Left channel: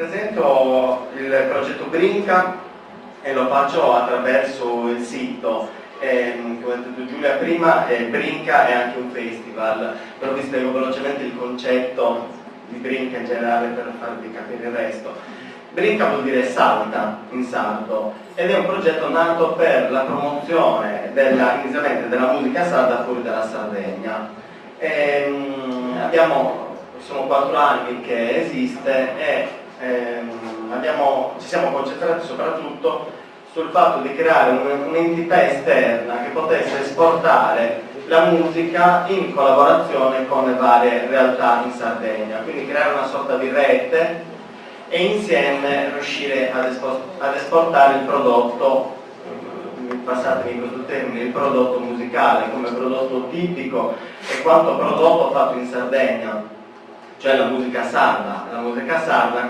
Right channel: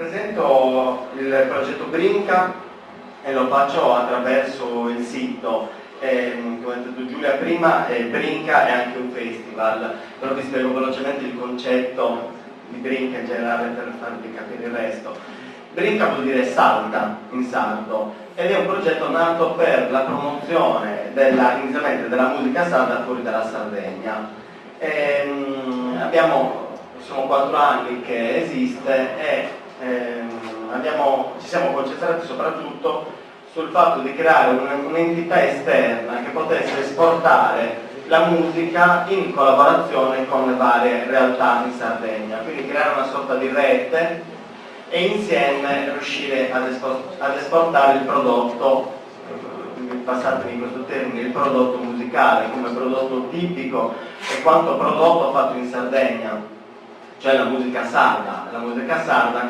Presento il progetto Brinca e lo faccio attraverso il sito. Come ha detto Giulia prima, Brinca è anche un festival, però vi spiego velocemente il concetto di Brinca in generale per farvi capire il resto. Brinca vuol dire salta in sardo ed è un progetto nato per la promozione inizialmente della musica sarda fuori dalla Sardegna. Sono 4 anni che esiste e ci siamo concentrati soprattutto sul fatto di creare un'entità esterna che potesse esportare la musica in collaborazione con le varie realtà in Sardegna, quindi creare una sorta di rete e insieme riuscire ad esportare il prodotto, passatemi questo termine, il prodotto musicale come prodotto tipico e quanto prodotto fatto in Sardegna, cioè la musica sarda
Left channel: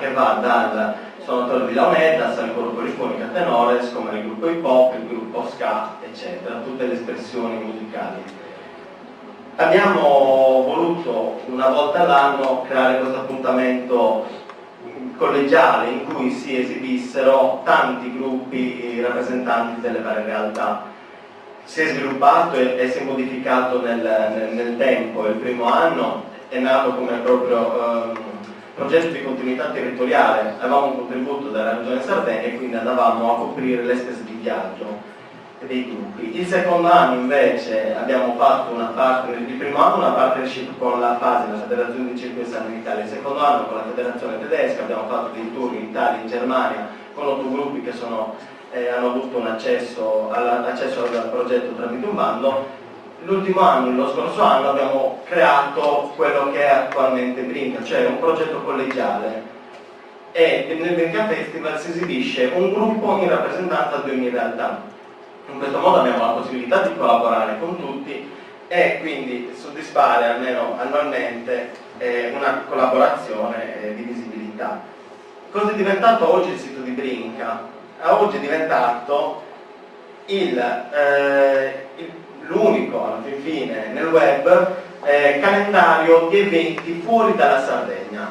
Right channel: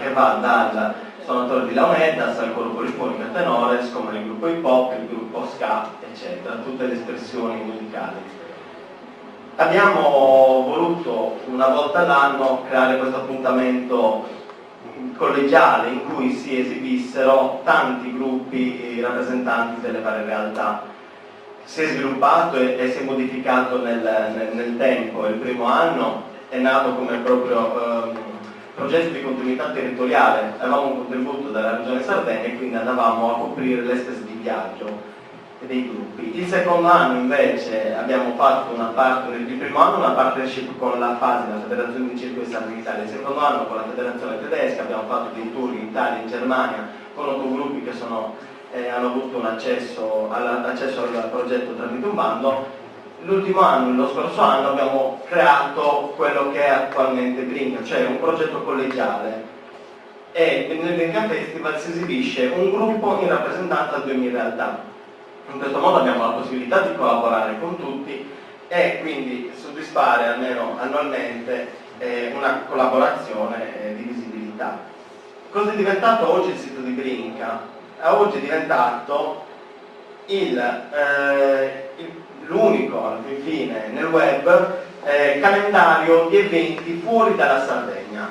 che va dal suonatore di launetta al coro polifonico a tenores, come il gruppo hip hop, il gruppo ska, eccetera, tutte le espressioni musicali. Abbiamo voluto una volta all'anno creare questo appuntamento collegiale in cui si esibissero tanti gruppi rappresentanti delle varie realtà. Si è sviluppato e si è modificato nel tempo. Il primo anno è nato come proprio progetto di continuità territoriale. Avevamo un contributo dalla Regione Sardegna e quindi andavamo a coprire le spese di viaggio dei gruppi. Il secondo anno invece abbiamo fatto il primo anno una partnership con la FASI, la Federazione di Circoli Sardi d'Italia, il secondo anno con la Federazione Tedesca, abbiamo fatto dei tour in Italia e in Germania con 8 gruppi che hanno avuto un accesso al progetto tramite un bando. L'ultimo anno, lo scorso anno, abbiamo creato quello che è attualmente Brinca, cioè un progetto collegiale, e nel Brinca Festival si esibisce un gruppo in rappresentanza di ogni realtà. In questo modo abbiamo la possibilità di collaborare con tutti e quindi soddisfare almeno annualmente una collaborazione di visibilità. Cosa è diventato oggi il sito di Brinca? Oggi è diventato l'unico, alla fine, nel web calendario di eventi fuori dalla Sardegna,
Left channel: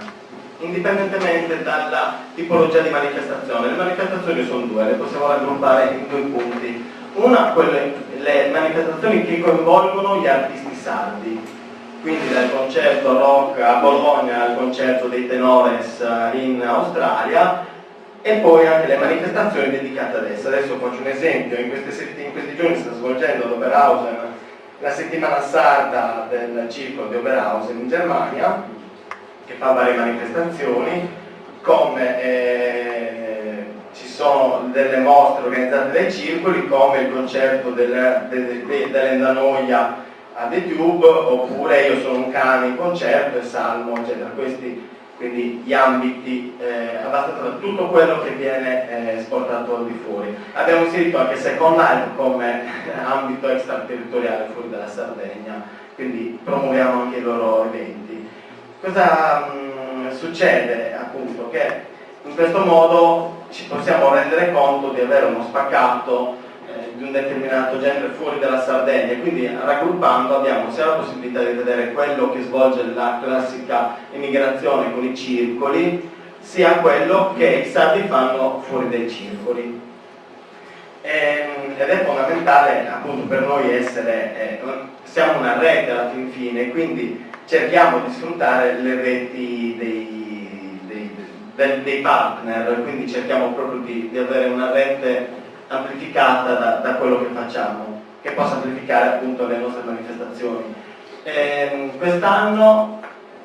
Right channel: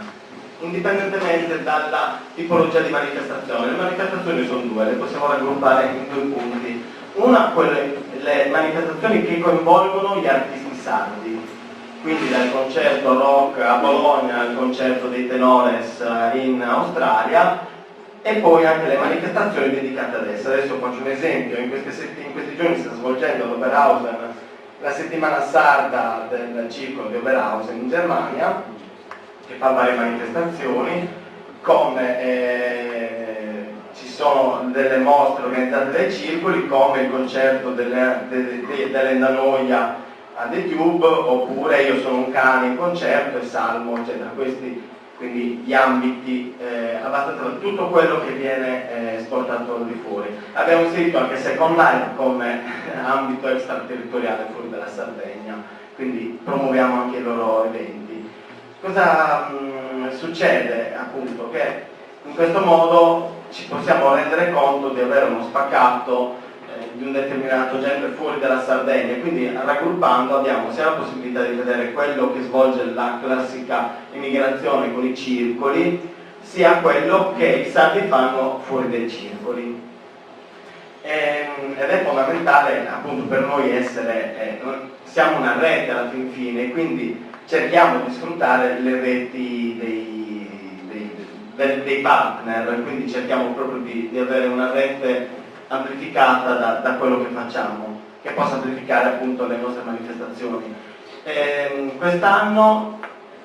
indipendentemente dalla tipologia di manifestazione. Le manifestazioni sono 2, le possiamo raggruppare in 2 punti. Una, le manifestazioni che coinvolgono gli artisti sardi, quindi dal concerto rock a Bologna al concerto dei tenores in Australia, e poi anche le manifestazioni dedicate ad esse. Adesso faccio un esempio: in questi giorni si sta svolgendo ad Oberhausen la settimana sarda del circolo di Oberhausen in Germania, che fa varie manifestazioni, come ci sono delle mostre organizzate dai circoli, come il concerto dell'Endanoia a The Tube, oppure Io sono un cane in concerto e Salmo, eccetera. Quindi gli ambiti, abbastanza tutto quello che viene esportato al di fuori. Abbiamo inserito anche secondario come ambito extraterritoriale fuori dalla Sardegna, quindi promuoviamo anche i loro eventi. Cosa succede? Appunto che in questo modo ci possiamo rendere conto di avere uno spaccato di un determinato genere fuori dalla Sardegna, e quindi raggruppando abbiamo sia la possibilità di vedere quello che svolge la classica immigrazione con i circoli, sia quello che i sardi fanno fuori dai circoli. Ed è fondamentale appunto per noi siamo una rete alla fin fine, quindi cerchiamo di sfruttare le reti dei partner, quindi cerchiamo proprio di avere una rete amplificata da quello che facciamo, che possa amplificare appunto le nostre manifestazioni. Quest'anno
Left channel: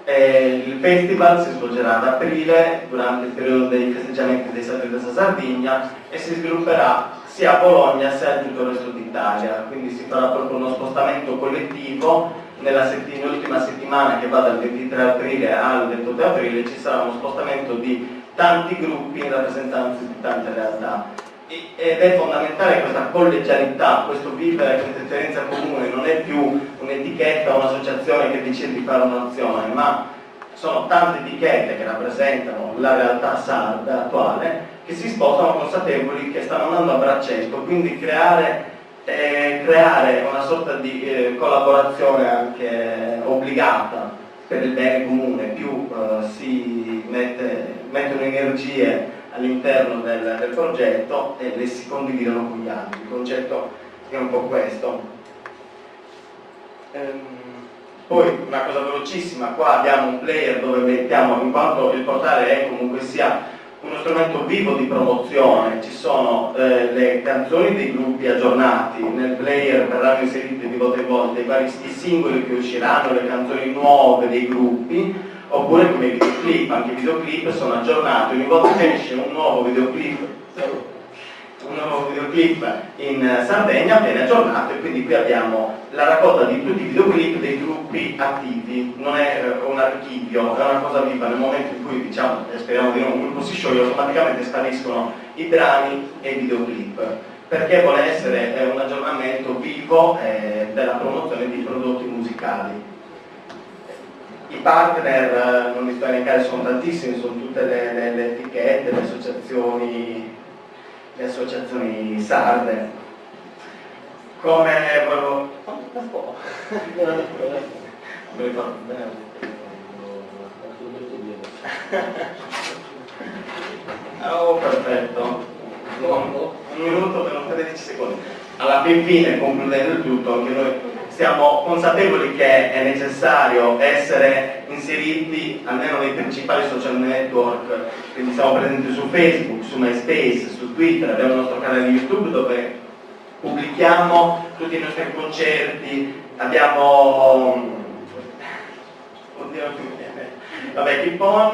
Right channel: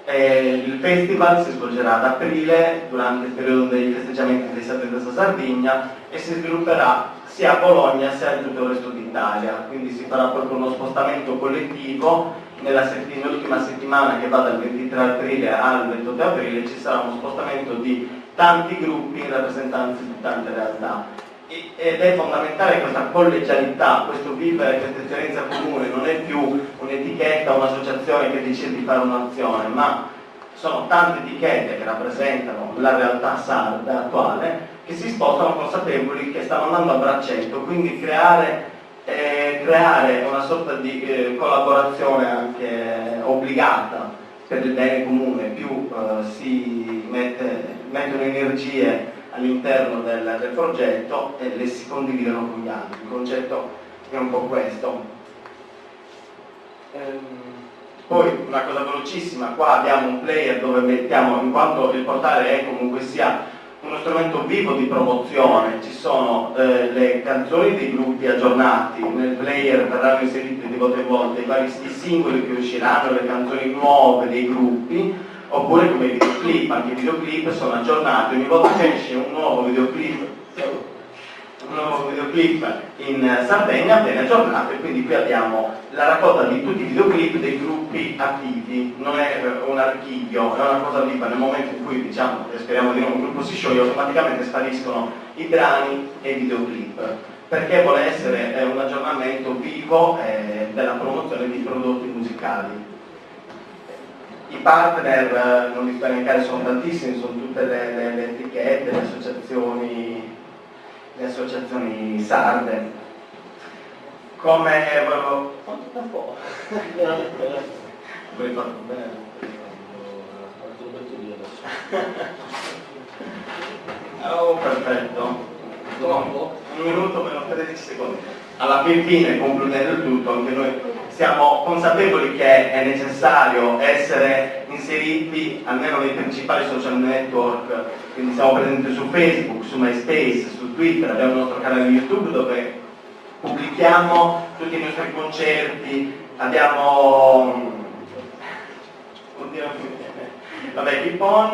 il festival si svolgerà ad aprile, durante il periodo dei festeggiamenti dei Sabbi della Sardegna, e si svilupperà sia a Bologna sia in tutto il resto d'Italia, quindi si farà proprio uno spostamento collettivo. Nell'ultima settimana, che va dal 23 aprile al 28 aprile, ci sarà uno spostamento di tanti gruppi in rappresentanza di tante realtà. Ed è fondamentale questa collegialità, questo vivere questa esperienza comune. Non è più un'etichetta, un'associazione che decide di fare un'azione, ma sono tante etichette che rappresentano la realtà sarda attuale, che si sposano consapevoli che stanno andando a braccetto, quindi creare una sorta di collaborazione anche obbligata per il bene comune. Più si mette mettono energie all'interno del progetto e le si condividono con gli altri. Il concetto è un po' questo. Poi una cosa velocissima, qua abbiamo un player dove mettiamo, in quanto il portale è comunque sia uno strumento vivo di promozione, ci sono le canzoni dei gruppi aggiornati, nel player verranno inseriti di volta in volta i vari singoli che usciranno, le canzoni nuove dei gruppi, oppure come i videoclip, anche i videoclip sono aggiornati, ogni volta che esce un nuovo videoclip in Sardegna viene aggiornato, e quindi qui abbiamo la raccolta di tutti i videoclip dei gruppi attivi, non è un archivio, è una cosa viva. Nel momento in cui, diciamo, speriamo di un gruppo si scioglie, automaticamente spariscono i brani e i videoclip, perché vuole essere un aggiornamento vivo della promozione di prodotti musicali. I partner, non li sto a elencare, sono tantissimi, sono tutte le etichette, le associazioni sarde. Come volevo... un po'. Avrei fatto bene. Oh, perfetto. Un minuto meno 13 secondi. Alla fine, concludendo il tutto, anche noi siamo consapevoli che è necessario essere inseriti almeno nei principali social network, quindi siamo presenti su Facebook, su MySpace, su Twitter, abbiamo il nostro canale di YouTube dove pubblichiamo tutti i nostri concerti, abbiamo Keep On,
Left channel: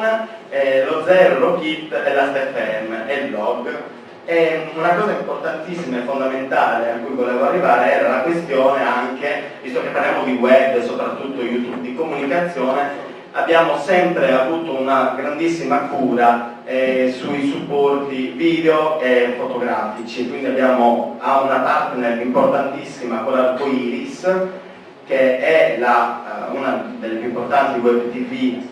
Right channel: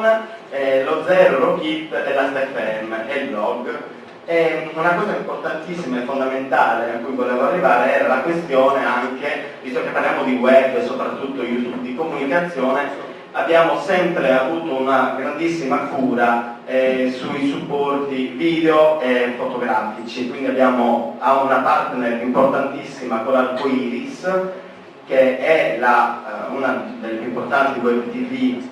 lo Zero, lo Kit e la FM e il blog. E una cosa importantissima e fondamentale a cui volevo arrivare era la questione anche, visto che parliamo di web e soprattutto YouTube, di comunicazione, abbiamo sempre avuto una grandissima cura sui supporti video e fotografici, quindi abbiamo una partner importantissima con Arcoiris, che è una delle più importanti web tv,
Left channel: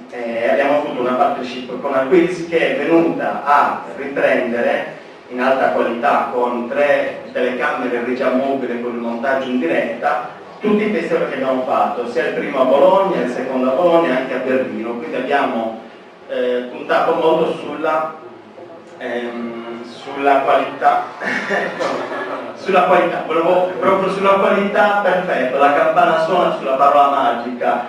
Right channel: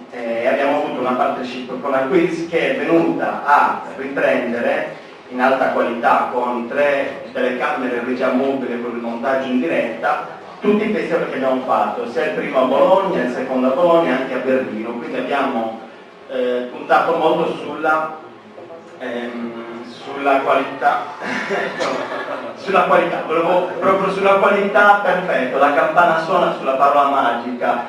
abbiamo avuto una partnership con Arcoiris che è venuta a riprendere in alta qualità con 3 telecamere in regia mobile con il montaggio in diretta tutti i festival che abbiamo fatto, sia il primo a Bologna, il secondo a Bologna e anche a Berlino, quindi abbiamo puntato molto sulla qualità volevo proprio sulla qualità, perfetto, la campana suona sulla parola magica,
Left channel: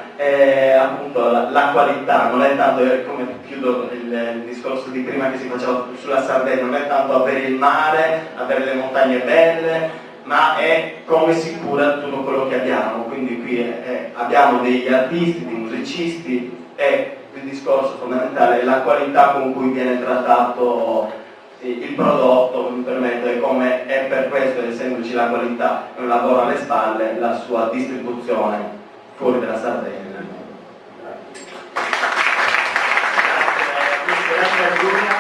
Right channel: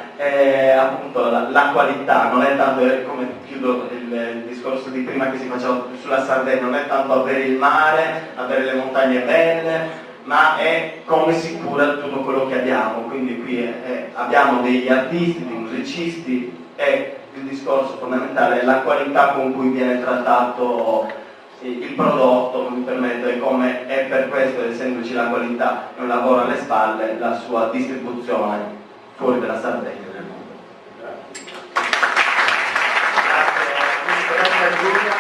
appunto la qualità, non è tanto come chiudo il discorso di prima che si faceva sulla Sardegna, non è tanto avere il mare, avere le montagne belle, ma è come si cura tutto quello che abbiamo, quindi qui abbiamo degli artisti, dei musicisti, e il discorso fondamentale è la qualità con cui viene trattato il prodotto, mi permetto, e come è per questo, essendoci la qualità e un lavoro alle spalle, la sua distribuzione fuori dalla Sardegna. Grazie.